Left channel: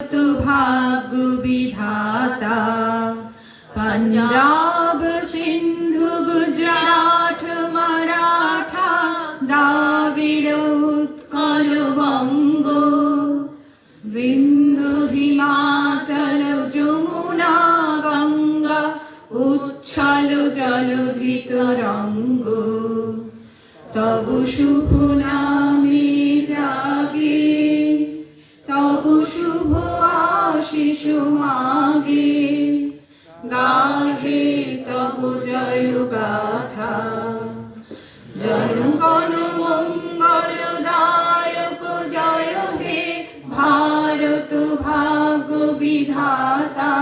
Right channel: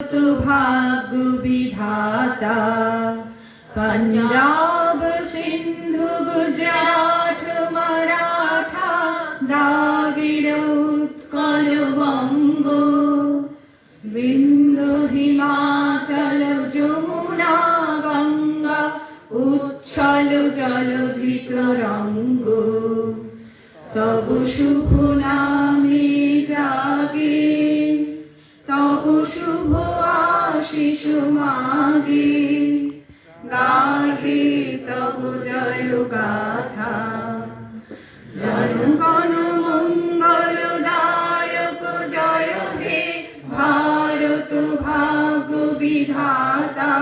तु भाग्य विधाता। पंजाब सिंधु गुजरात मराठा द्राविड़ उत्कल बंग विंध्य हिमाचल যমুনা গঙ্গা উচ্ছল জলধি তরঙ্গ। তব শুভ নামে জাগে তব শুভ আশিস মাগে গাহে তব জয় গাথা। জনগণ মঙ্গল দায়ক জয় হে ভারত ভাগ্য বিধাতা।